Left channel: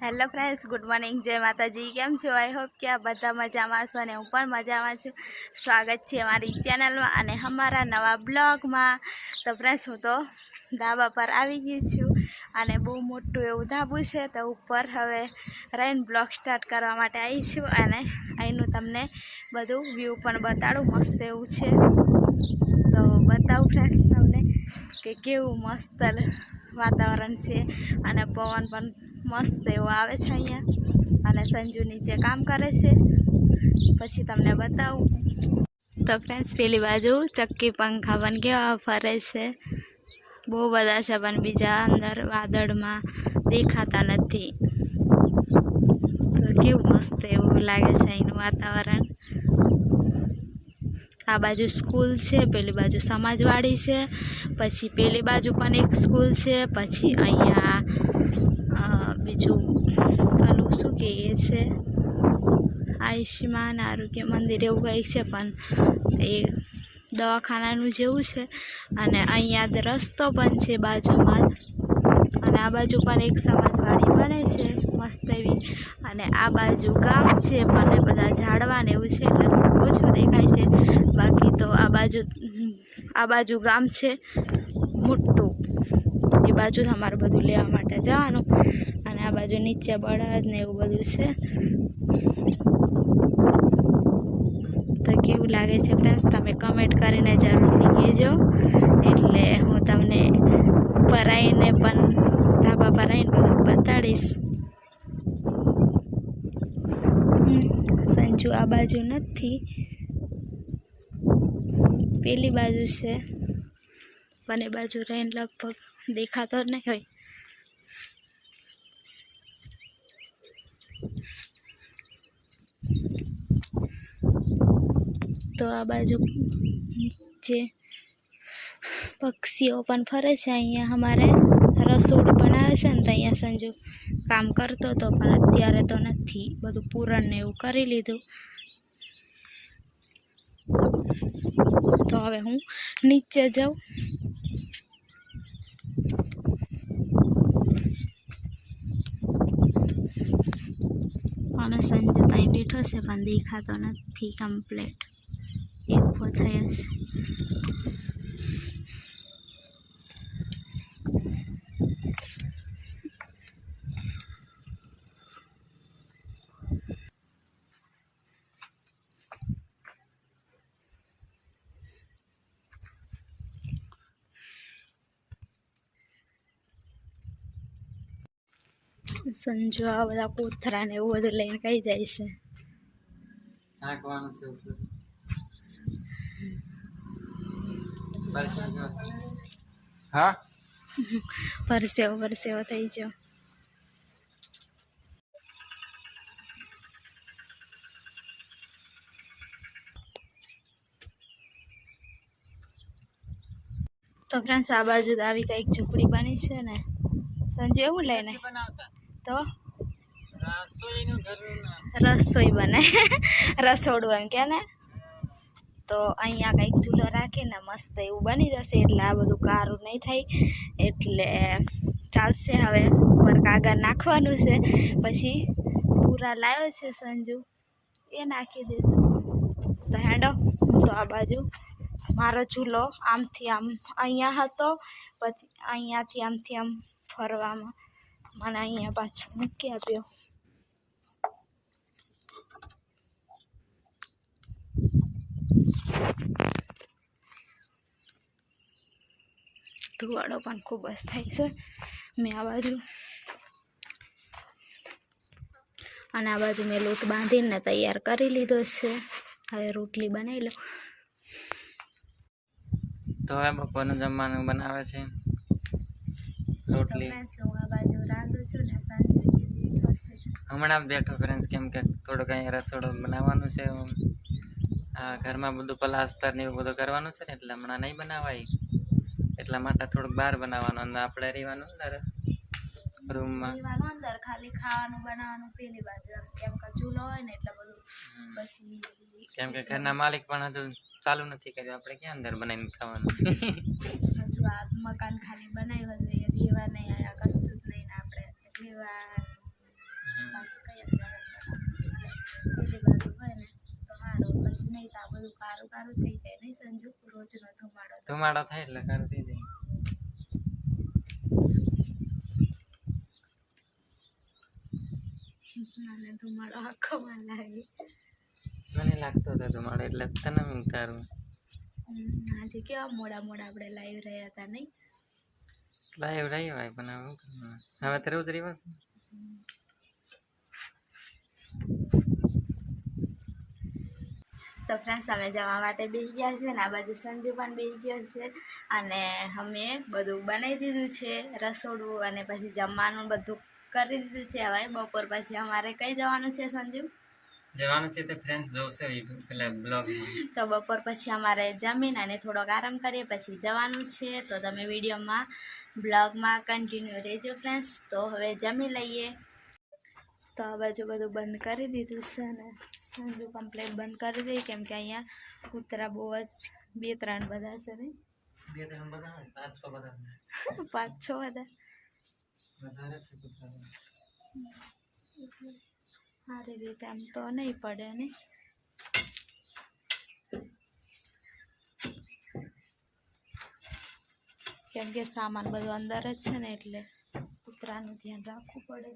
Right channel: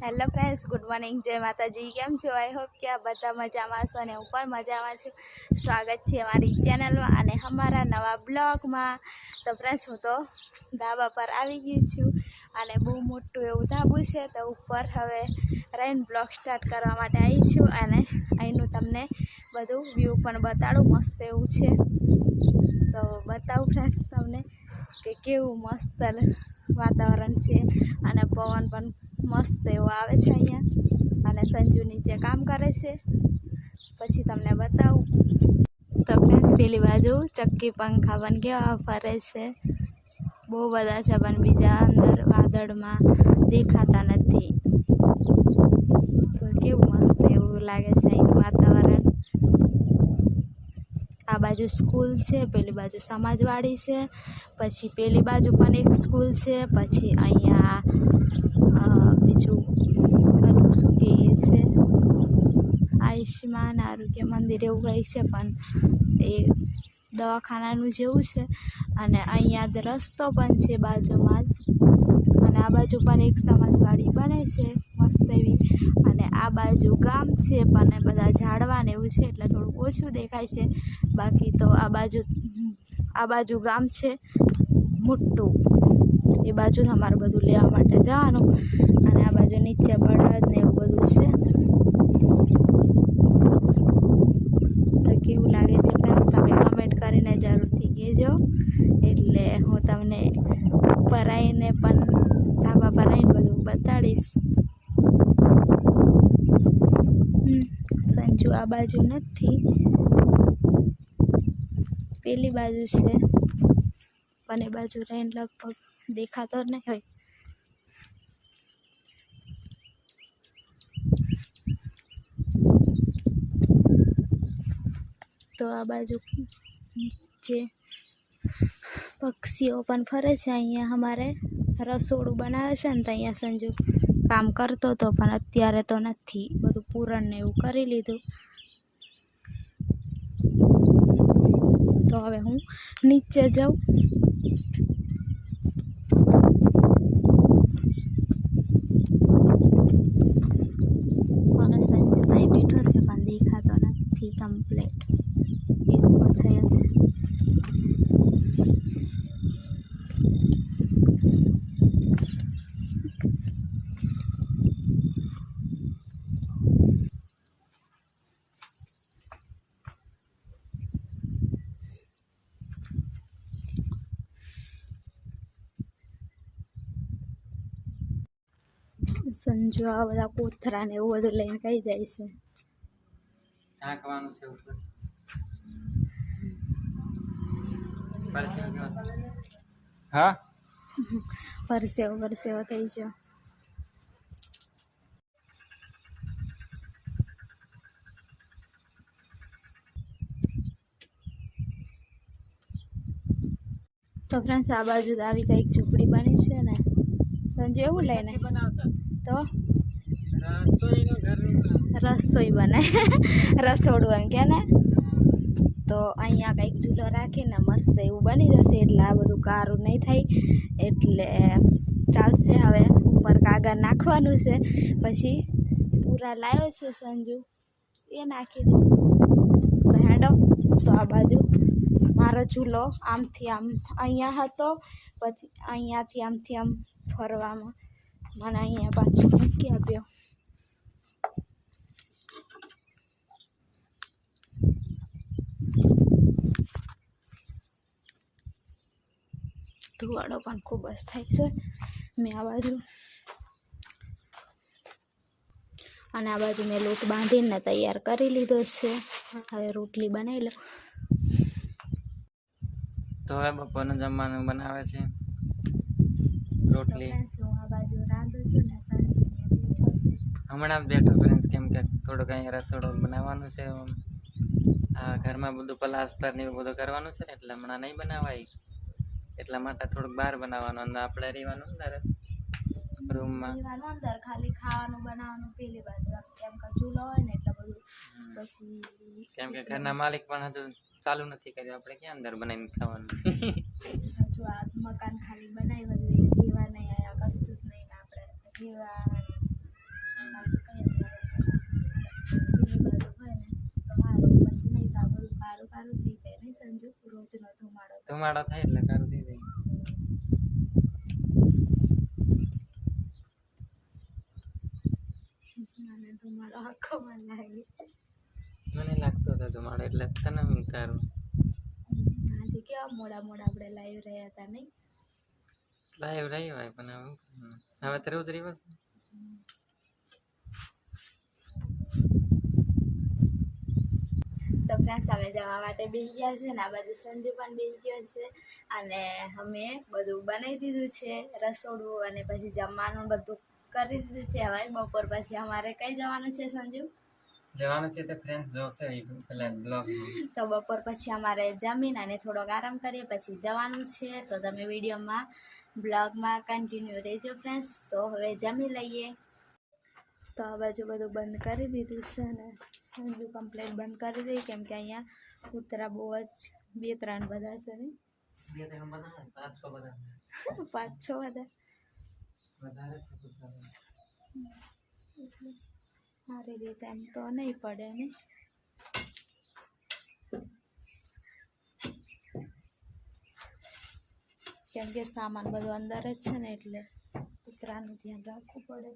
Hello friends, good morning, જય માતાજી। કેમ છો? આઈ હોપ કે આ બધા મજામાં હશો અને હું પણ મજામાં છું। સ્વાગત છે અમારી ચેનલમાં અને અમારા નવા બ્લોગમાં। તો ફ્રેન્ડ્સ, હું તો ધાબા પર આવી ગઈ છું અને બહુ મોટું એવું ધાબું છે, તો ઉપર હવે રહીને બ્લોગ સ્ટાર્ટ કરવા માટે આવી છું અને અહીંનું તમને બધું વ્યૂ પણ બતાડું, મસ્ત એવું છે। તો બતાવું ફ્રેન્ડ્સ તમને કે કેવું મસ્ત વાતાવરણ છે અને પવન પણ મસ્ત એવો આવે છે અહીંયા અને સંજુ નીચે કામ કરે છે। પછી તમને બતાવું તો ફ્રેન્ડ્સ, પેલી બાજુ ચક્કી પંખા પણ કેવા ફરે છે, બહુ બધા છે પણ બીજા અંદર વાદળમાં દેખાતા નથી। તો કેવું મસ્ત એવું લાગે છે અહીંનું વાતાવરણ। આ બાજુ સ્કૂલ છે, પેલી બાજુ સમાજવાડી છે, પછી પેલી બાજુ પણ એક સ્કૂલ છે, પછી અહીંયા બીજું ઓલું શું કહીએ છે, આયુષ્યમાન આરોગ્ય મંદિર એવું કંઈક છે, પણ એ દવાખાનાનું જેવું છે। અને અહીંયા રસ્તો પણ છે બાજુમાં, અને આ બાજુ પણ એક સમાજવાડી બને છે મસ્ત એવી, અને આ બાજુ ગામ છે પણ બધા ઝાડવા ને એવું છે એટલે થોડું ઓછું દેખાય છે। બાકી તો આ બાજુ ગામ છે મોટું, એ બાજુ અમારે બધું લેવા માટે જવાનું, અને આ બાજુ નીચે બળદ ને એવું બધું છે। તો કેવું લાગે છે ફ્રેન્ડ્સ, તમે કમેન્ટ કરીને જરૂરથી કહેજો, એટલે હું તમને ઉપર આવીને પણ ધાબા પર આવીને બધું બતાડીશ। સંજુ આ બાજુ નથી, પેલી બાજુ છે, પણ એ બાજુ રહીને લગભગ દેખાતો નહીં હોય। તો આ બાજુ નીચે પક્ષીઓ પણ ફરે છે। અહીંયા અમારે રસોડું બનાવે છે ને, તો અહીંયા સંજુ કામ કરતો હતો, પણ અત્યારે તો નથી, બધું પૂરણ ને એવું કરી લીધું। તો હવે હું નીચે જાઉં અને સંજુ તો અહીં બેઠો છે પણ દેખાતો નથી કમ્પ્લેટ, એ ઊભો થયો છે। સંજુ આ બધા કોથરા ને એવું બધું લઈને કઈ જાય છે? નાખવાનું છે ઉપર હા, પરસેવો થઈ ગયો। તો ફ્રેન્ડ્સ, આ બાજુ આવી કંઈક ઝૂંપડી બની છે ને સંજુ, એવું લઈને તો રસોઈ બને રસોડું એમ કે ને, તો અહીંયા કંઈક ચૂલો રાખીને મસ્ત એવું બની જશે, એટલે આ બધું કારું નહીં થાય, એટલે ચાલશે। હવે ઉપર કાગળ નાખવાનું છે, પછી પૂરા લાવ્યો છે સંજુ, એ નાખી દઈશું। તો હેડો, તો આ બાજુ મારો ચૂલો આમથી આમ અહીંયા હતો, પછી અહીંયાથી આમથી આમ ફરવામાં મને અહીંયા પાછું મૂકી આપ્યો। ધુવાડો પણ ખૂબ જ થાય છે। મેં આ બાજુ અને આ બાજુ મેં લોટ બાંધીને તૈયાર કરી લીધો છે, હવે રોટલી બનાવી લો। તો હવે બપોરનું જમવાનું બનાવે છે રોટલી। હું આ બાજુ રાંધું છું ને સંજુ બેઠો છે, હમણાં બેઠો ફ્રેન્ડ્સ, કેમ કે થોડુંક અહીંયા રસોડું બનાવવાનું છે। આ ઘરમાં બધું પ્લાસ્ટર ને એવું બધું કરવાનું છે ને, એટલે હમણાં નહીં બનાવાય, એટલા માટે થોડુંક બહાર બનાવવાનું, અને આપણે રહેવાનું અંદર રૂમમાં, અંદર ખાલી ખાવાનું બનાવવાનું પેલી બાજુ, કેમ કે ચૂલો હોય ને એટલે બધું પછી, કેમ કે ઘરના માલિક પણ હજુ ચાલુ નથી કર્યું, આપણે ક્યાં અંદર બનાવીને ખાવાનું હજુ આ મકાન ખાલી બનાવ્યું હતું, એ રહેવા નહીં આવ્યા, કશું જ નહીં ને આપણે રહેવા પાછું કઈ અંદર પેલી બાજુ હોય ને તો સારું, પછી નહીં તો આ બધું કારું કારું થઈ જાય નહીં સંજુ, રોજનો ધુમાડો તો. ધુમાડો થાય એટલે કારું થઈ જાય. મને ધુમાડો આંખોમાં લાગે. મને લાગતો હતો ધુમાડો એટલે તને એમ કારું. આજે કેવા મોડા મોડા આપણે લાઈવ રહ્યા હતા નહીં? લાઈવ રહી હોય પણ હવે તો રોજ રહ્યો છે. તો ફ્રેન્ડ્સ અમે જવા માટે બેસી ગયા છે ને આ બાજુ સંજુ પણ બેસી ગયો છે અને અમે બધું બનાવી દીધું છે રસોડું અને પછી જમવાનું બધું કરી દીધું છે. હવે બપોર પછી અમારે કઈ જવાનું છે સંજુ? જવાનું છે તે ફ્રેન્ડ્સ જોશે પેલા બ્લોગમાં. તો બપોર પછી અમારે જમીન અને થોડોક આરામ કરીએ પછી જવાનું છે. તો તમે વિડીયોમાં બ્લોગમાં કન્ટિન્યુ રહેજો ફ્રેન્ડ્સ. તો હવે જમી લઈએ. તો આ બાજુ બધું બંધ કરી દીધું છે ને સંજુ કમ્પ્લેટ બંધ કરી દઈ કેમ કે અહીંયા કૂતરા બહુ જ 2-3 બધા છે નહીં? 2-3 બધા 5-6 બધા 5-6 બધા વધારે છે કૂતરા. સારી રીતે આમ તો નહીં પડે નહીં. કેમ કે સામાન બધું અંદર જ છે ને એટલે કૂતરાનું ધ્યાન રાખવું પડે.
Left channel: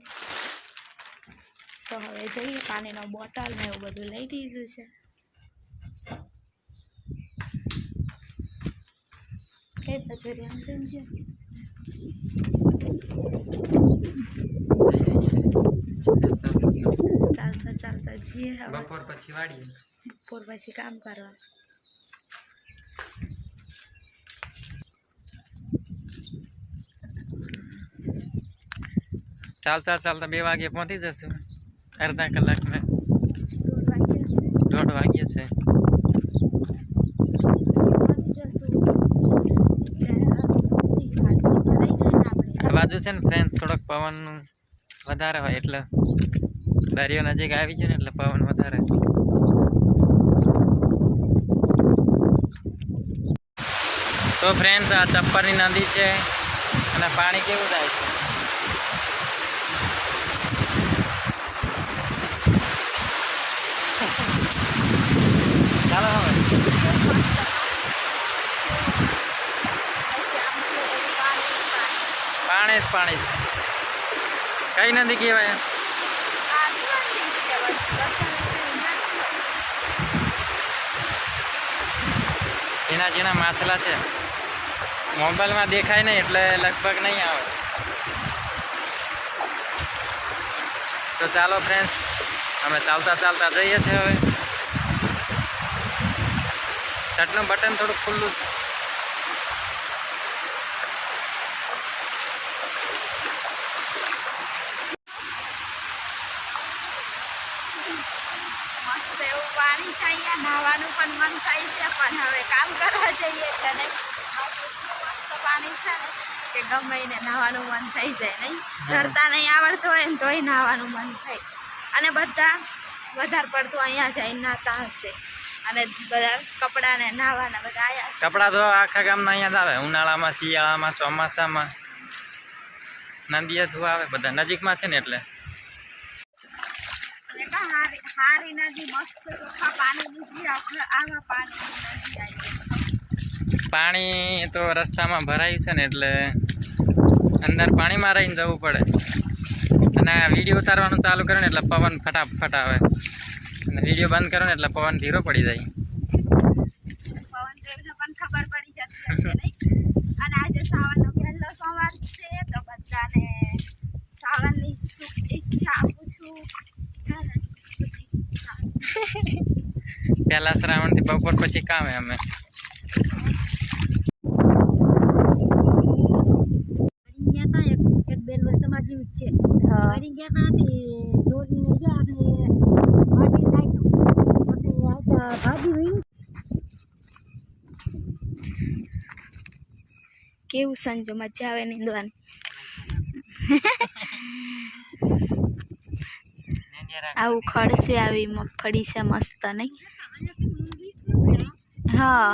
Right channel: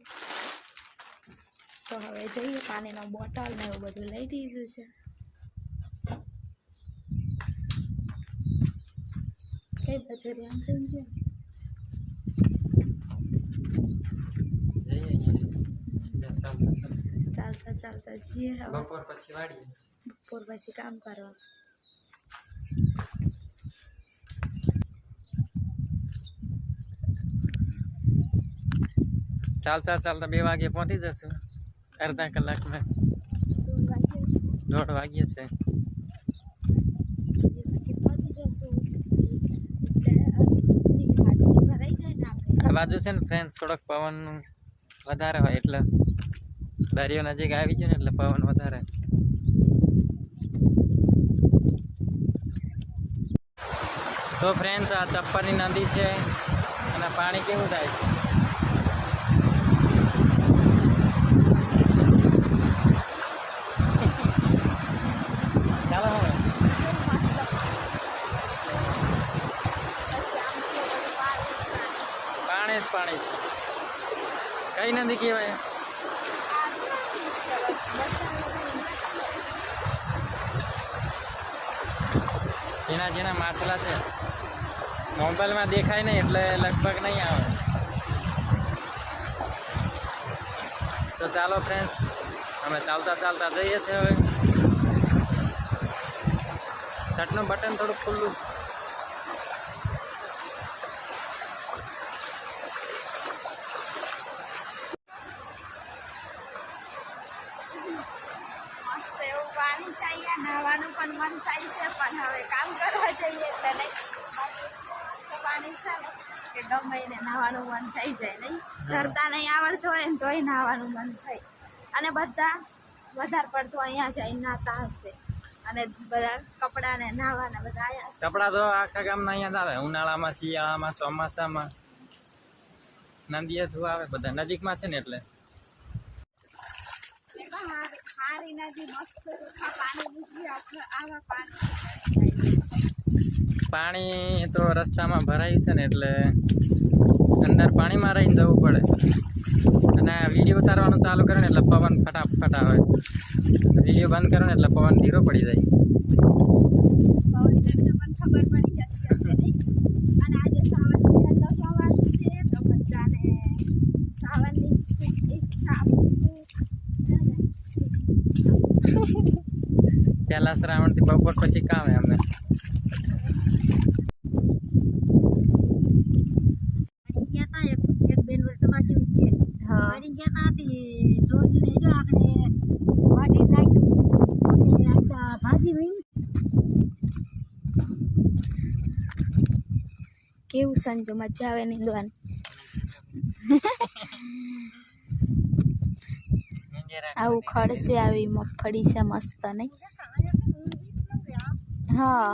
તો હવે જઈએ, પાણીનો બોટલ ને એવું બધું લઈ લીધું છે. કઈ બાજુ આમ છે ચાલતા ચાલતા જઈએ. હવે બપોર પછી વાડીએ. બપોર પછી કામ કરવા. ચાલતા ચાલતા 2 વાગે પહોંચી જશું. અડધા કલાકમાં 1:30 વાગ્યા છે. 1:30 વાગ્યા છે. પહોંચી જશું એટલે આ બાજુ છે ને ફ્રેન્ડ્સ થોડોક પવનનું વધારે હોય એટલે દરિયો નજીક આવી છે ને એટલે પવન વધારે. તો ફ્રેન્ડ્સ આ ચપ્પરની નદી છે અને પાણી કેવું થાય છે. ચાલો હવે પાણી જ પાણી છે. કઈ નદી કહેવાય? ઝીણા ઝીણા માછલા છે. મોબાઈલમાં દેખાય નહીં એટલે લગભગ નહીં આવે. તો ચાલો ફ્રેન્ડ્સ અમે ચાલતા ચાલતા જઈએ છીએ. હવે શર્ટનું બટન થોડુંક ખુલ્લું છે. મસ્ત એવું પાણી છે અહીંયા, નાહવાનું પણ મન થાય છે પણ હવે કામ કરવા જઈએ એટલે નહીં. મસ્ત પાણી છે ને કે ગમે એને નાહવાનું મન થઈ જાય નહીં. તરતા નહીં આવડતું હોય ને તોય નાહવાનું મન થાય. અને બધા વધારે પડતું અહીંયા જઈને નાહતા હશે અને બધા કપડાં ને નાહવાના બધા આવ્યા. કપડાં તો આખા ગામના અહીંયા જ આવે. ઉનાળામાં, શિયાળામાં, ચોમાસામાં નદીએ ધોવા આવે. બધા નજીકમાં છે ને એટલે હારી નદી મસ્ત ચોખ્ખા પાણી નીકળી આવા પાણી. પાણી તો રસ્તામાં ભરાયું છે ને એટલે અંદર પાણીમાં રહીને જવું પડે. અને વિડીયો ઉતારવાનું ચાલુ કરે ને એટલે પવન ફટાફટ આવે અને વિડીયો બંધ કરો ને એટલે પવન ધીરો પડી જાય. પવન તેમને પણ ખબર પડી જતી હશે નહીં. અને આજે સાવનનો પહેલો સોમવાર છે તો બધાને સાવનની શુભેચ્છા આપું છું. પહેલા શ્રાવણથી બપોર પછી કામે અમે. એક બેન વર્તમાન જેવું છે. હા એની ગયા હતી દોરી લઈ જો આપણે વાટી નાખ્યું અને આ ભાજી વીણી. કેવું સંજો મજા આવે નીંદવાની. આવું ખડ છે, આવી મગફળી છે મસ્ત નહીં? હા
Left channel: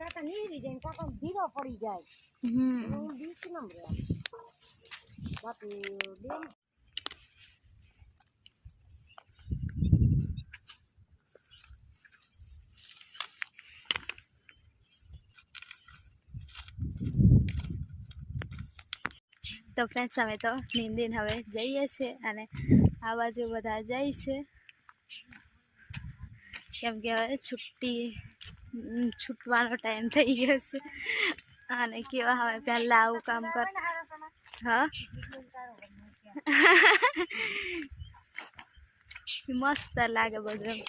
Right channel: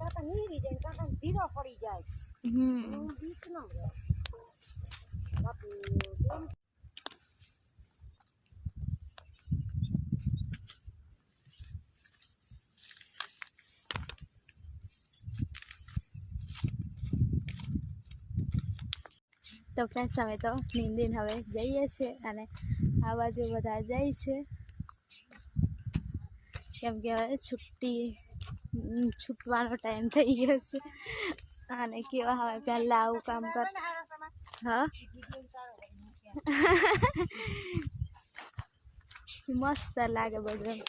કાકા નીરી જાય કાકા ધીરો પડી જાય. હમ બીક ન રહે. તો ફ્રેન્ડ્સ અમે તો નીંદીને હવે જઈએ છીએ અને આ બાજુ બધા જાય છે કેમ કે હવે છૂટવાનો ટાઈમ થઈ ગયો છે અને કેવા હવે પહેલાં આવું કામ કર હા મસ્ત લાગે બધું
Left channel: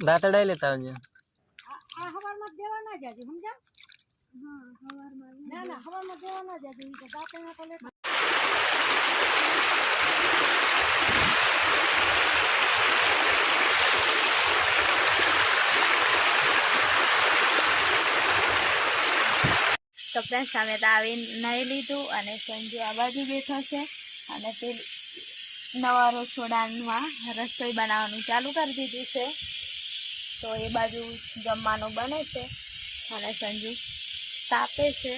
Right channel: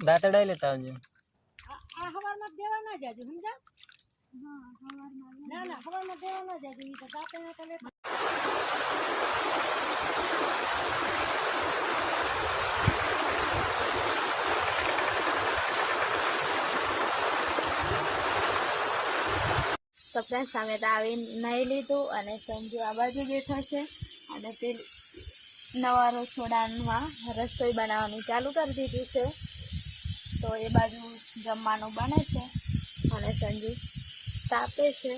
દાંતડા લેતા આવજો. આ હવારમાં દેવા ના જાજે સમજા. હા હવારમાં ના હવારમાં દેવા ના જાજે ઈ તો દાંતણા તો લે. તો ફ્રેન્ડ્સ અમે તો આવી નાહી લીધું અને સંજુ આ બાજુ બેઠો છે અને તે નવા રસોડામાં રસોઈ બનાવવાનું ચાલુ કરી દીધું છે તો એ બાજુ જમવાનું બને છે અને સંજુ તાપે છે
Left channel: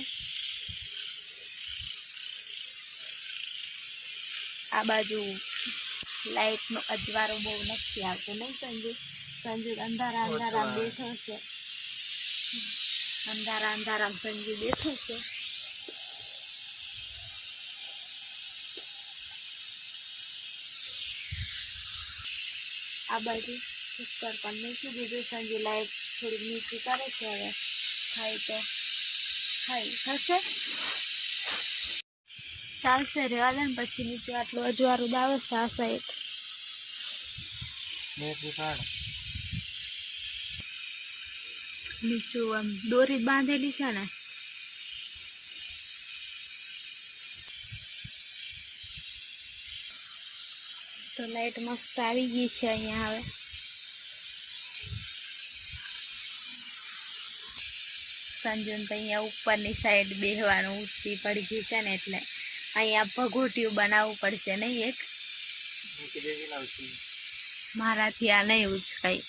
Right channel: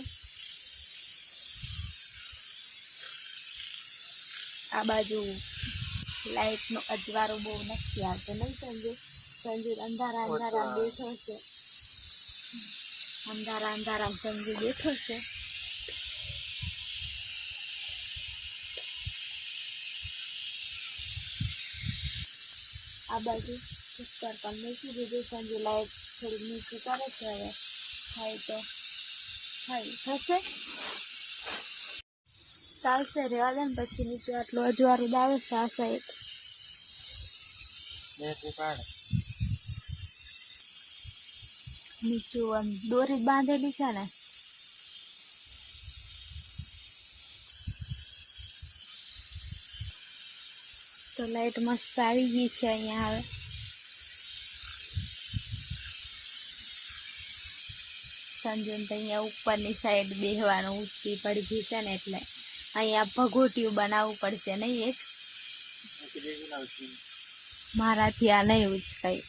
આ બાજુ લાઇટનો અજવાળો બહુ નથી આવતો નહીં સંજુ અંધારા બેઠો છે અંધારા સંજુ બેઠો છે આ બાજુ કુકર પણ મૂકી દીધું સંજુ લાઈટ થોડીક નીચી કરે છે હવે ખાઈ તો ખાઈ થશે ચાલશે રેવા દે ને પછી નીચે આટલું અજવાળું આવે છે આ સાઈડ નીચું આમ દોરી બાંધેલી છે ને તો લાઈટ મસ્ત આવી ગઈ છે અહીંયા હવે સંજુન તો અહીંયા ઉપરની સાઈડ બેસવાનું ઊંચી પડી ગઈ છે ને એટલે અહીંયા ભગોટિયું બનાવવું પડશે નહીં એક મારાથી આ નહીં ઉચકાય